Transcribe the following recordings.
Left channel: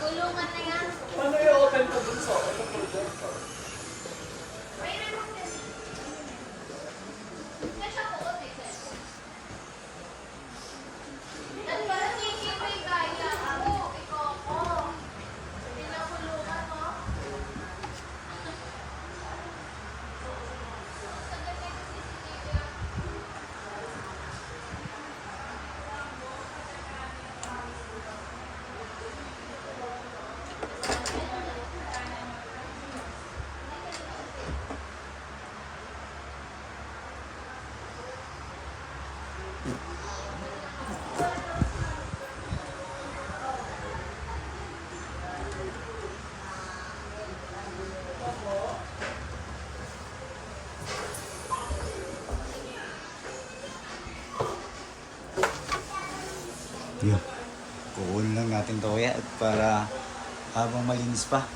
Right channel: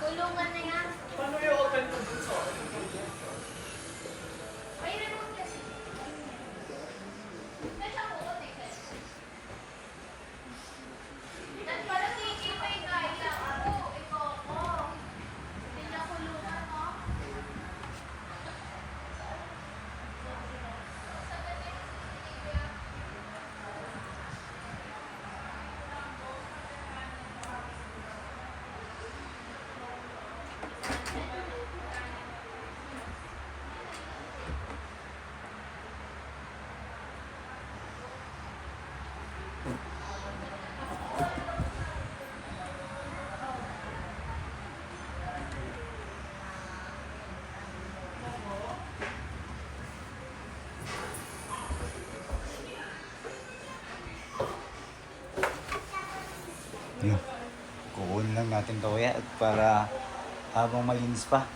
Kulungan na yan. Paano yung open po dun sa May remote yan. May siya po, okay, sir. Ano ba? Nakikipay kaya ako. Ito ako. Hindi niya kulungan mo. Yun. Kukunin lang natin to kaya para habang malinis pa.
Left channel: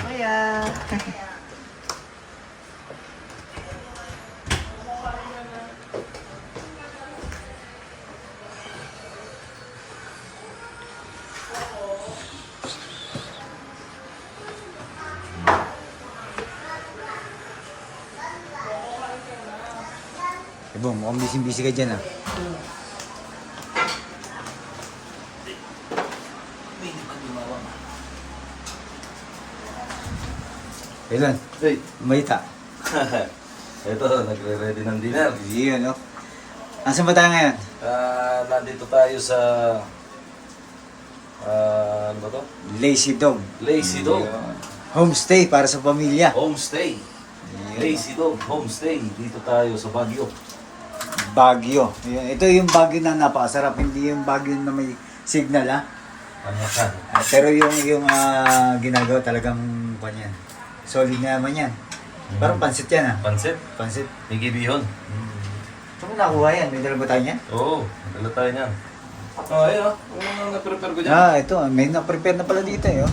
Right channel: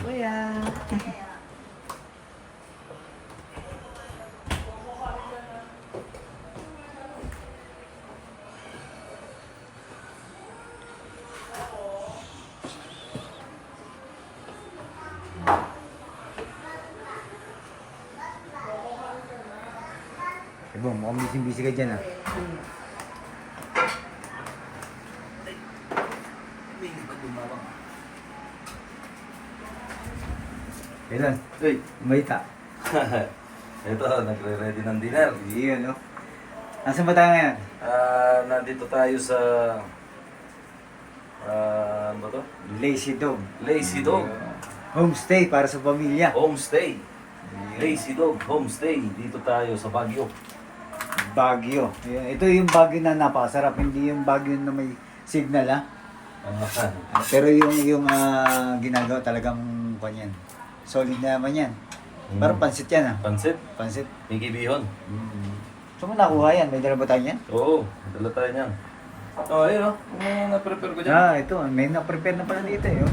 Kuya. Bong, mukhang busy-busy ka dyan ah. Kailan? Hey. Malita. Ito, nagre-ready ng dinner. Yun, no? Nasaan ba tayo ngayon? Nandito tayo sa... ano ba to? Lazy Dog. Lazy Dog. Homestay para sa pamilya. Homestay. Yun. Lazy Dog Homestay. Dito tayo sa Baguio. Baguio. Yun. Ito yung Baguio na napakasarap. Hindi yung Baguio na may signal, ha? Pero yung ginagawa talagang kanyan. Solid na naman yan. Parang pansit yan, ha? Pansit. Pansit. Igibihon. Saan mo nakuha yan? May dala ba tayo yan? Oo, dala tayo niyan. Oh, ayun oh. Ang na-prepare ko dyan. Ito. May na-prepare na pala dito, eh. Oh.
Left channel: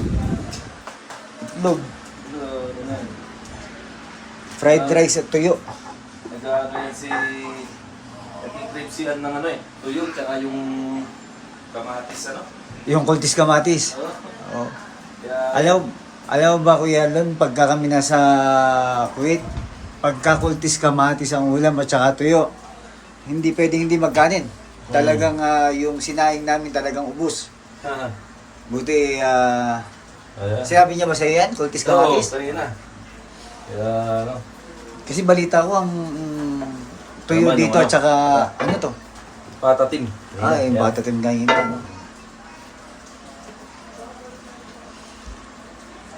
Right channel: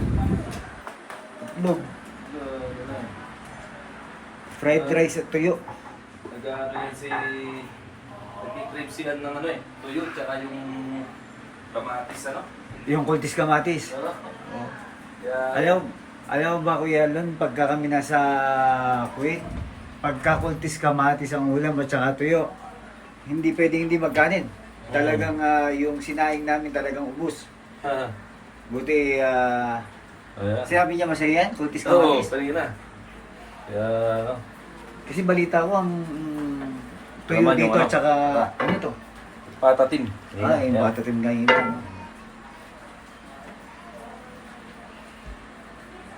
Itlog. Fried rice at tuyo. Nag-ano si... Nag-crave sila ng ano eh. Tuyo, tsaka yung kamatis ano. Yung kultis kamatis. Oo. Oh. Kaya... Alam mo ba, Kuya Lon, pagka kami nasa Kuwait, pagka kultis kamatis ang ulam at saka tuyo, hindi pwedeng hindi magkanin. Talagang yung sinaing namin talagang ubus. Buti, sinabi niya ba sa'yo yan? Kultis Oo, kamatis? kanina. Kaya ano. Kasi balita ko ang tuyo Laman dito yung at saka, ano to? Patatim. Yung batatim ganyan lang.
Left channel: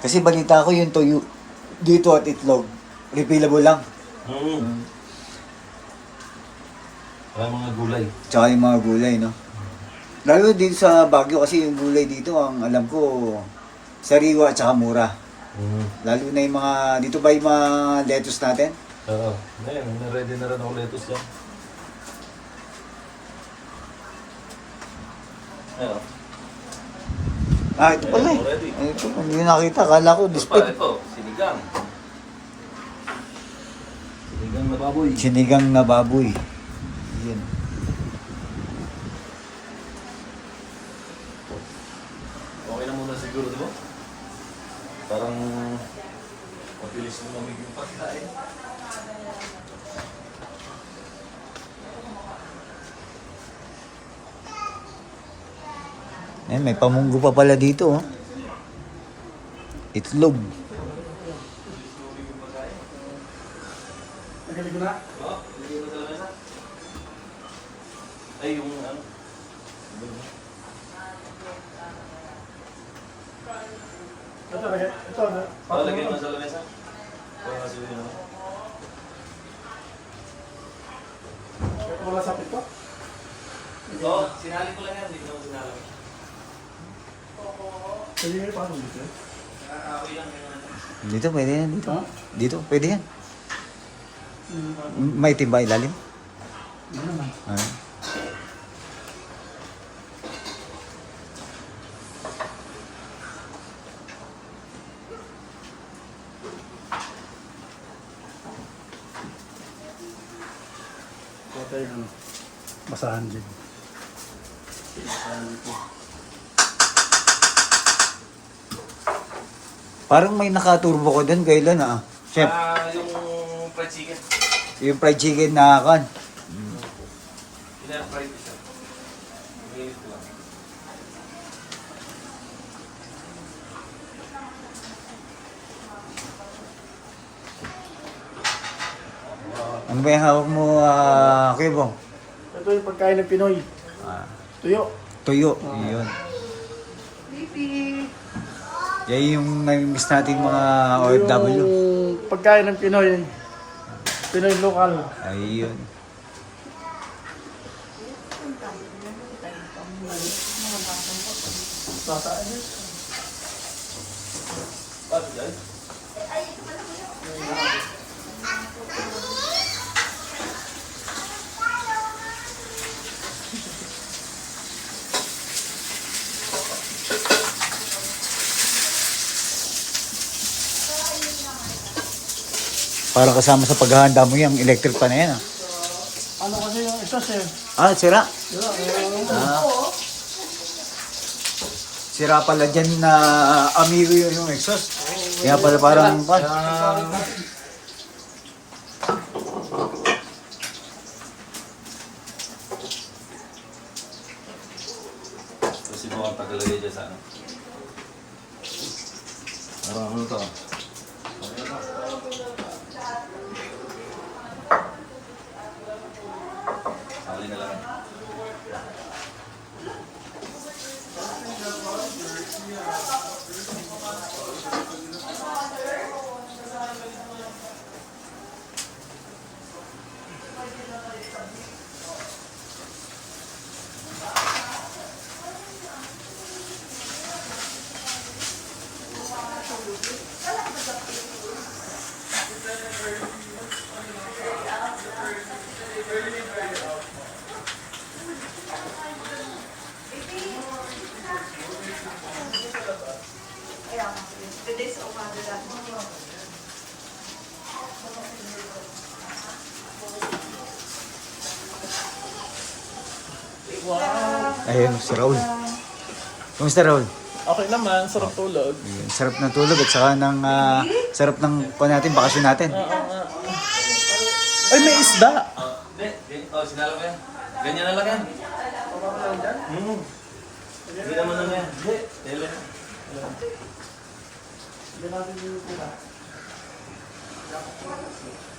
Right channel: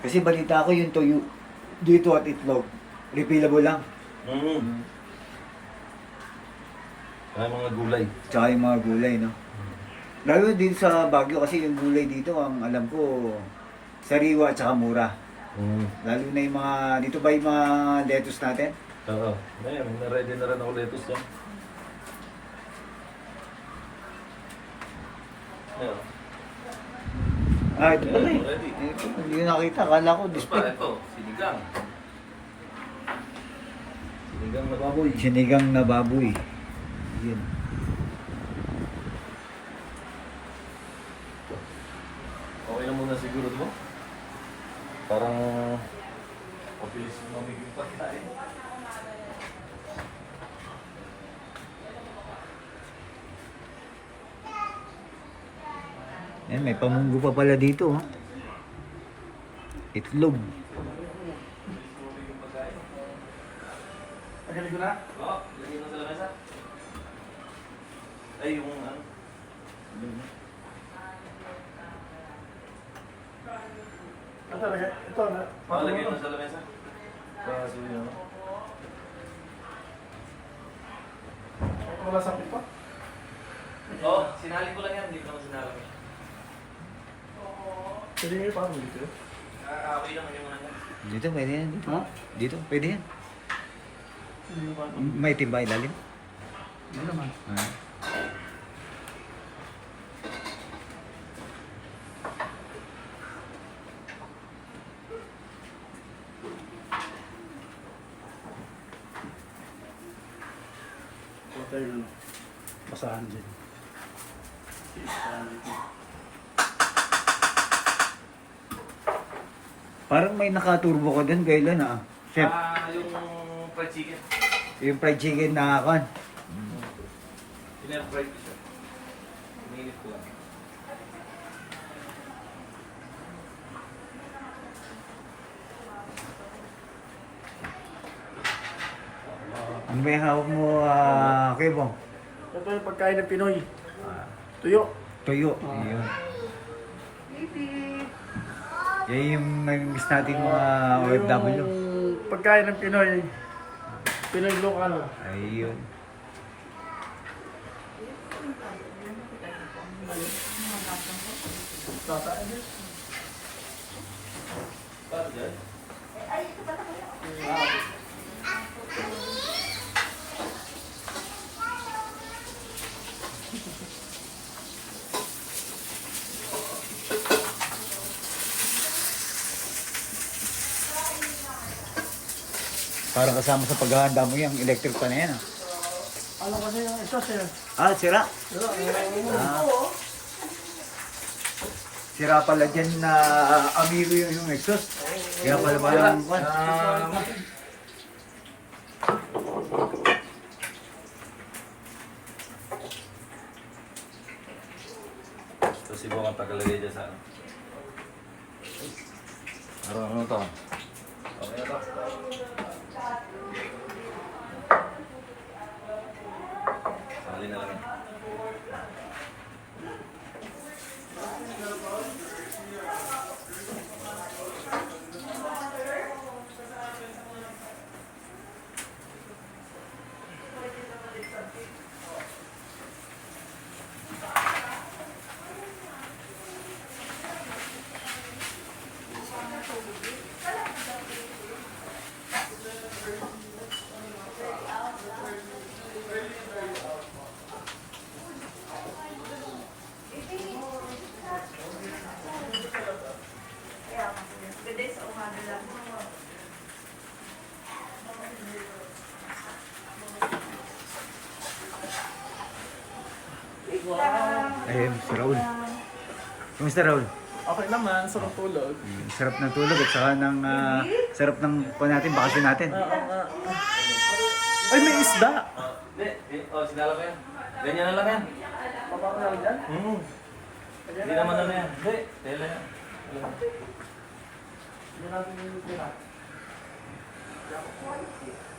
Kasi balita ko yung tuyo dito at itlog, refillable lang. Kaya mga gulay. Tsaka yung mga gulay, no? Lalo dito sa Baguio kasi yung gulay dito, ang alam ko, sariwa at saka mura. Lalo na yung mga, dito ba yung mga lettuce natin? Oo. Ngayon, na-ready na rin ako lettuce yan. Ayan. Ito pala eh. Ready. Ito, hindi nakita. Akala ko display. Ito, sinigang. Sinigang na baboy. Sinigang na baboy. Yan. Okay na muna siguro, di ba? Parang mabilis mo lamig yung pagkain. May pamunggo pa pala dito, oh. Itlog. Ay, yung ano? Ito na. Lagay mo sa lamesa. Para masulit mo. Wala sa pito? Oo, sinali ko lang yan. Hindi ko naman sinali. Pwede nga yung paano dito? Okay lang yun. Dito, pwede yan. Dito, Ha? dito pwede yan. May timba ilalim? Ano naman? Ah. Hotel. Basahan din. Parang may nakaturbo ko dun, kailan ah. Chef, Yung fried chicken. yung fried chicken na kan. Ilan fried chicken? Mainit ko lang. Ano ba yung hawak mo, Kuya Bong? Ito yung pagkain ng Pinoy. Ah, Tuyo. tuyo, yun. Yan yung nami-miss natin mga OFW. Yung pagkain ng Pinoy. Pinoy local. Ayun. Paano dyan? Parang kasama sa paghahanda mo yung electric pa na yan. Ano kasi yung ito sir? Sira. Diba? Ah. Sira pala dyan na amigo yung exhaust. Kaya pala parang pan. Tapos siguro ang tagalagay dyan sa ano. Ano to? Okay na to. Sali na lang yan. Ayun, si Raul. Kumusta Raul? Okay naman, sarap tulog. Ayun, sarap ng tulog at saka ng sarap ng natin, bakasyon natin. Ay, may isda! Hindi. Sinala ko yan. Ganyan na lang yan. Hindi naman ano yan. Hindi. Dila yan.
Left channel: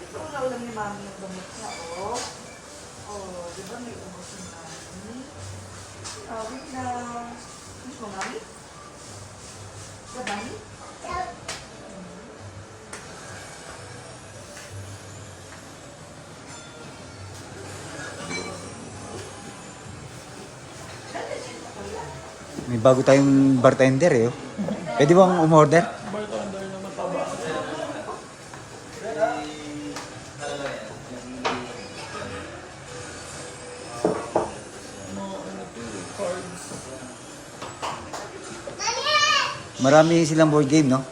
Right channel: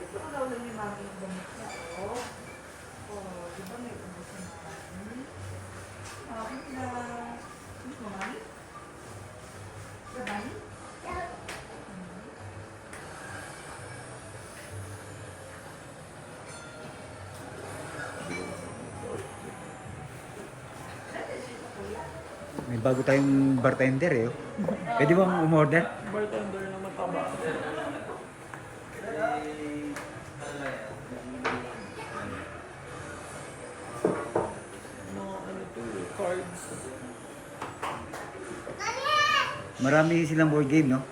Ito ang naulam ni Mami yung bumit niya, oh. Oh, di ba may umot si Mami? Wait na... Miss mo, Mami? Labay? May bago tayong bartender eh. Oh. Pwede bang umorder? Bartender na mataba. Ano to, cards. Marami silang board game, no?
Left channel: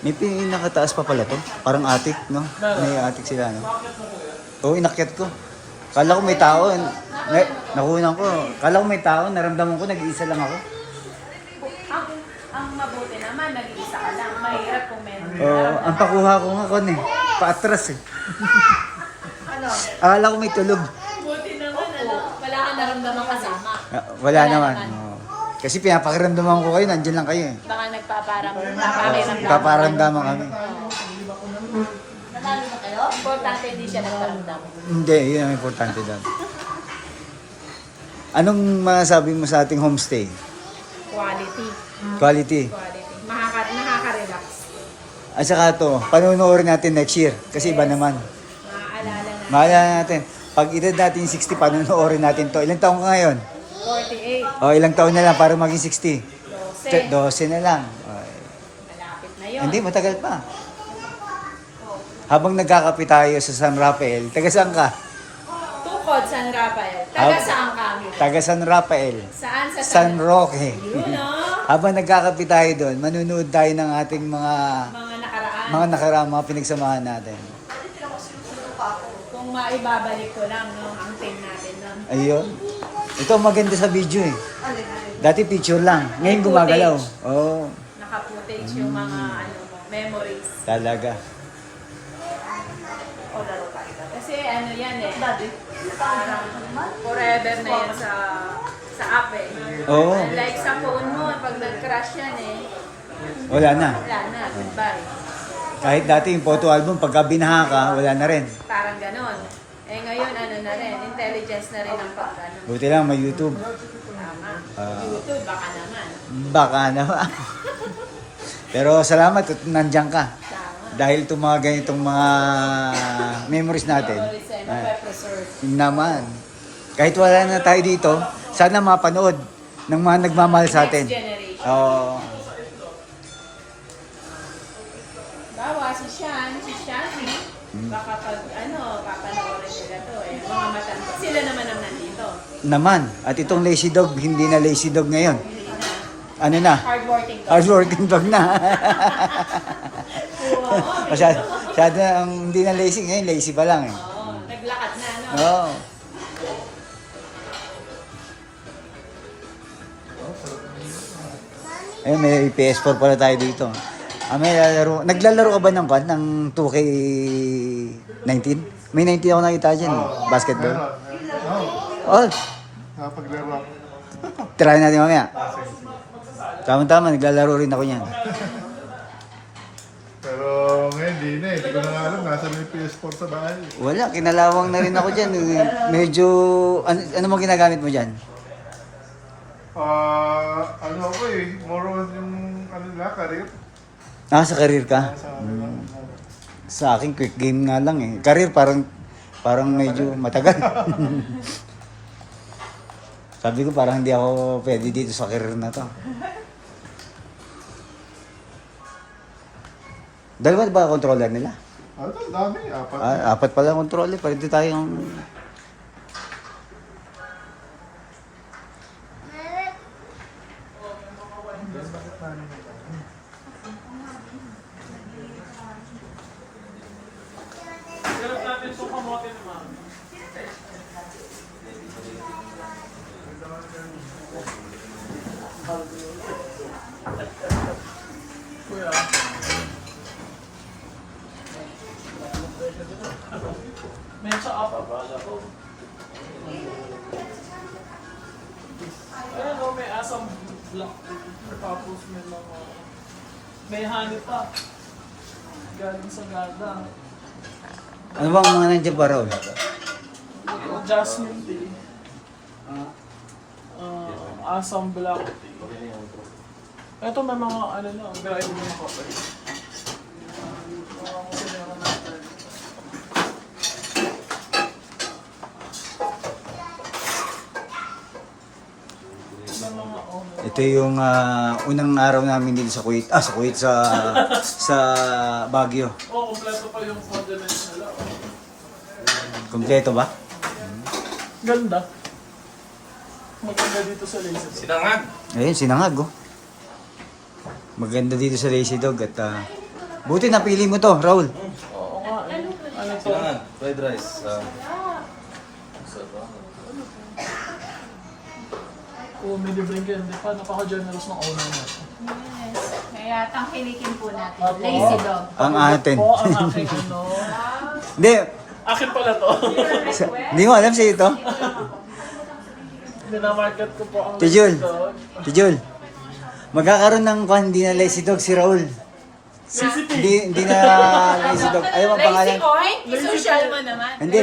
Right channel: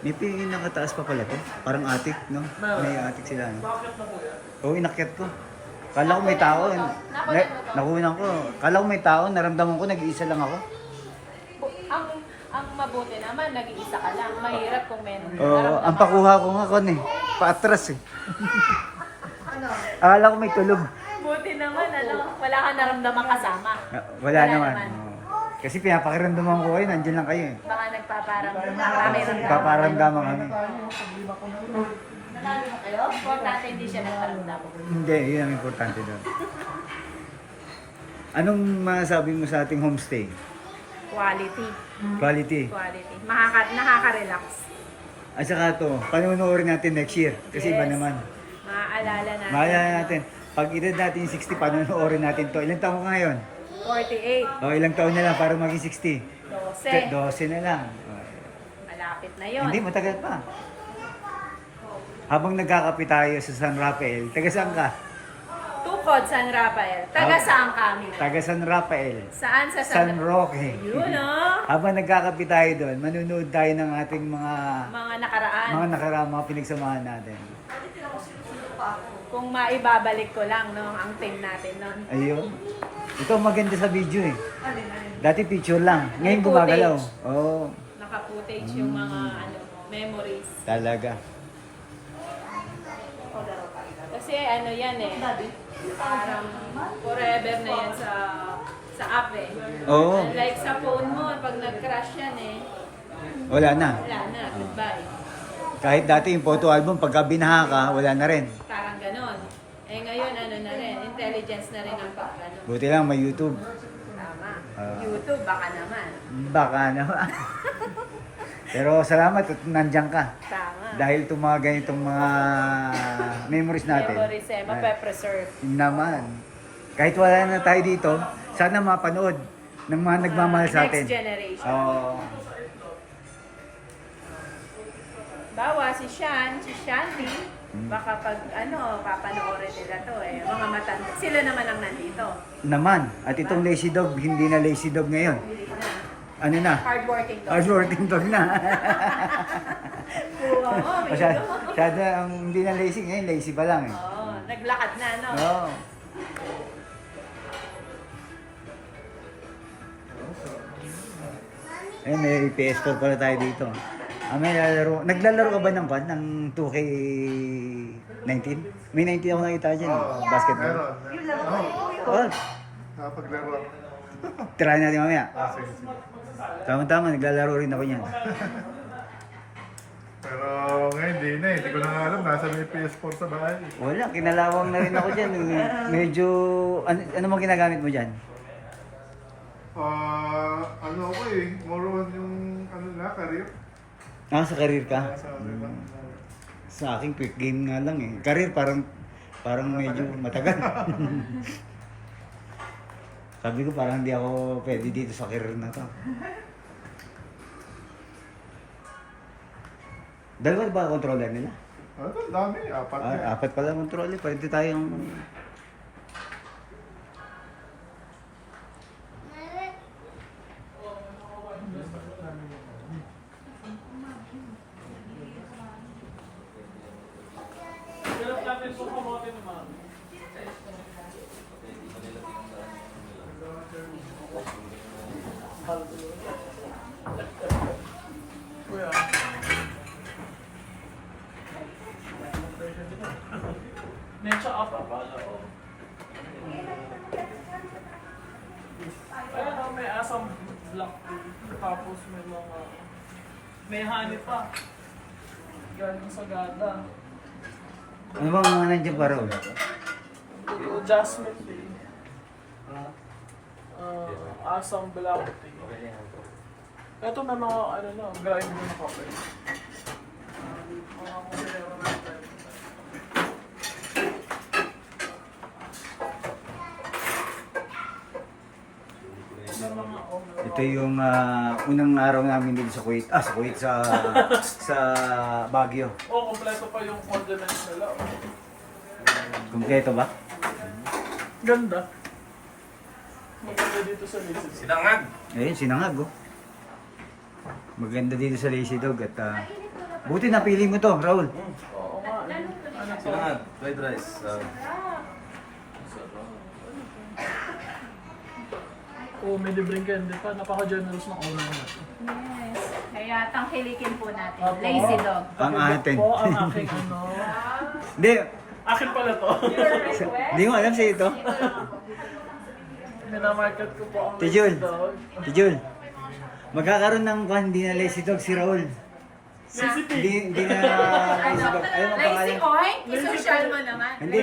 May pinakataas pa pala to. Parang attic, no? May attic sila, no? Bakit na kuya? Oo, inakyat ko. Kala ko may tao. Nakunan ko. Kala ko may tao. Naramdaman ko, nag-iisa lang ako. Ang mabuti naman, nag-iisa ka lang. Mahirap kung meron. Oo, ang pakuha ko nga kon eh. Paatras eh. Akala ko may tulog. Buti naman, wala kang naramdaman kasama. Wala naman. Oo. Kasi pinapakiramdaman ko kayo, nandyan lang kayo eh. Baka nagpaparang Paparamdaman kami. Nanalo na kayo? Importante hindi siya nagparamdam. Hindi, yun ang importante doon. Anong masabi mo sa ating homestay? Quality. Quality. Quality. Nakaka-relax. At saka ito, panunuorin natin next year. Kasi iba naman. Maaalala na. Maalala natin, pag edad natin 60, panunuorin natin to. Ilang taong ka ngayon? 48. O, ilang taon na lang para maging 60? 12. 12 na lang. Okay. Malapit na yun. Hindi, matagal pa. Habang nagkakape tayo sa San Rafael, taga saan ka? Tukod, San Rafael. Taga saan kami? Taga San Rafael. Saan sa San Roque. Yun, no? Habang nagkakape tayo doon, manunood tayo ng ating mga Mga nakaraan. mga pinagsamahan natin. Kung maibabalik ko lang, no? Ang team natin nun. Ayun. Ito ang maganda sa video eh. Dati picture lang. Ngayon May gumagalaw. footage. Oo. Naka-footage yung mga ano mo, memories. Talaga. Kasi ano yan eh. Parang forever na yan sa app eh. Oo. Like sa phone mo, pag nag-crash yan eh, Wala na. wala na, goodbye. Kahit dati yung photo album, pagka binaha ka, wala na rin. Parang ganon. Eh ngayon ano na rin, intelligence na rin ang pag-ano. Buti lang may YouTube. Tama. Ah. YouTube, baka naman. Baka naman. Pero salamat at nandiyan ka. Tama. Dahil itong mga ganitong mga memories natin. Memories eh, mape-preserve. Naman. Kahit wala na tayo dito, sana mapanood ng mga nagmamahal sa atin. Next generation. Oo. Bawa si Shanti, baka pag papanoorin nila to eh, mga matanda. Sila naman ang nandito. Naman. At itong lazy dog, hindi na lazy dog ngayon. Ano na? Hardworking to. Hardworking dog na. Oo, masyado na ang hindi na lazy ngayon, lazy pa lang eh. Oo, naglakad na, no? Oo. Ay, may PS4 pala tayo dito. May lalaro. Naglalaro ka ba ng kwan? Ng 2K19? May 19 ako nakita dyan. Basketball. Oh, Nakapaglaro ako. try natin mamaya. Tama-tama, naglalaro rin ako niyan. Pero ngayon, hindi na eh. Hindi ko na nga alam. Nasa may PS4 sa bahay. Wala, kinalawang na rin ako dyan. Medyo, ano mo ginagamit mo dyan? Ano ako eh. More on yung ano na, career. Sa career ka? Sa akin, quick game nga lang eh. Career parang medyo matagal. Sabi ko parang hindi ako pwede dito sa career na to. Dalawa ba controller nila? Ano, dami. Apat na. Apat pala controller. Pwede tayong... Medyo up abala ko. Ayan o, may asam black. Tapos may honey pa. Galing sa gada. Ano bang mga nandiyan pa raw? Ito, jasmine tea. Asam black tea. Ito may mga ano na, gaya ko na kape. Mga kusinero natin. Ito yung unang araw namin dito sa Kuwait. Sa Kuwait, sa Baguio. Kompleto pa yung condiments nila. Kompleto ba? Ganda. Maganda dito sa Lazy. Sinangag! Ayun, sinangag oh. Maganda dito sa Lazy Dog at buti napili mo to, Raul. Oo nga. Ano pa? Sinangag! Fried rice. Oo, may libreng candy pa. Napaka-generous ng owner mo. Yes. Kaya tangkilikin po natin. Apo. Lazy dog. Ang atin. Po, ang aking ano. Hindi, Akin pala to. hindi mo alam siya ito. Minamarket ko po ang Tijul. dog. Tijul, magkakaroon ng kwan, hindi na Lazy Dog si Raul. Hindi na Lazy Dog. Ayaw ang pangalan. Lazy coin? I-social mo naman. Hindi.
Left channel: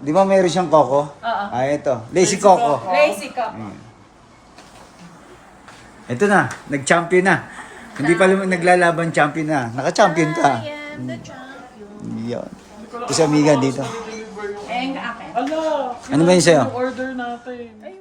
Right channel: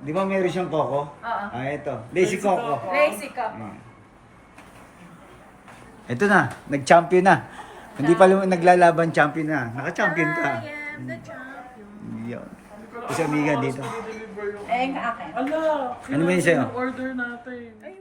Di ba mayroon siyang Coco? Oo. Ito. Lazy Coco. Lazy cup. Ito na, nag-champion na. Hindi pa naglalaban, champion na. Naka-champion ka. I am the champion. Yan. Ito si Amiga dito. Eh, ang akin. Ala! Ano ba yun sa'yo? Order natin. Ay,